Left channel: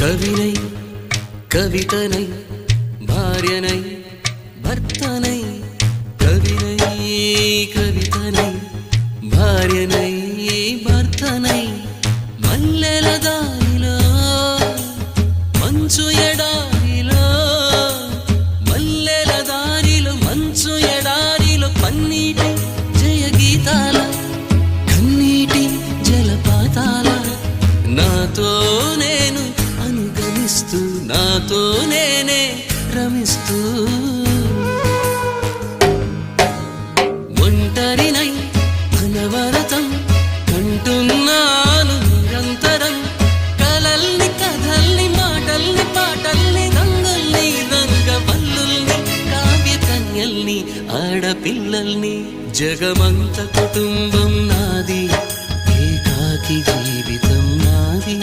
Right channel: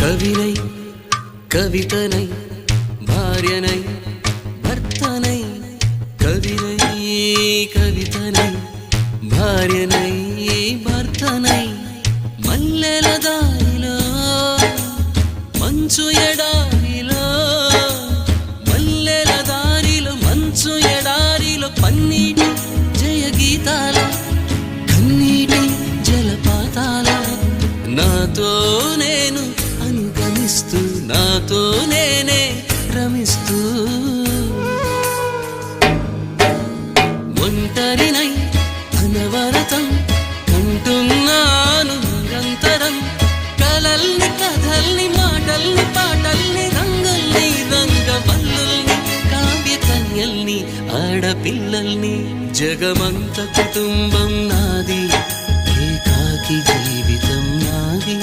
కవినై కవితనై భార్యనై భర్తనై కవినై కవితనై భార్యనై భర్తనై మల్లెల దారిలో మంచు ఎడారిలో మల్లెల దారిలో మంచు ఎడారిలో పన్నీటి జయ గీతాల కన్నీటి జలపాతాల నాతో నేను అనుగమిస్తూ నాతో నేనే రమిస్తూ ఒంటరినై అనవరతం కంటున్నాను నిరంతరం కలల్ని కథల్ని మాటల్ని పాటల్ని రంగుల్ని రంగవల్లుల్ని కావ్య కన్యల్ని ఆడపిల్లల్ని జగమంత కుటుంబం నాది ఏకాకి జీవితం నాది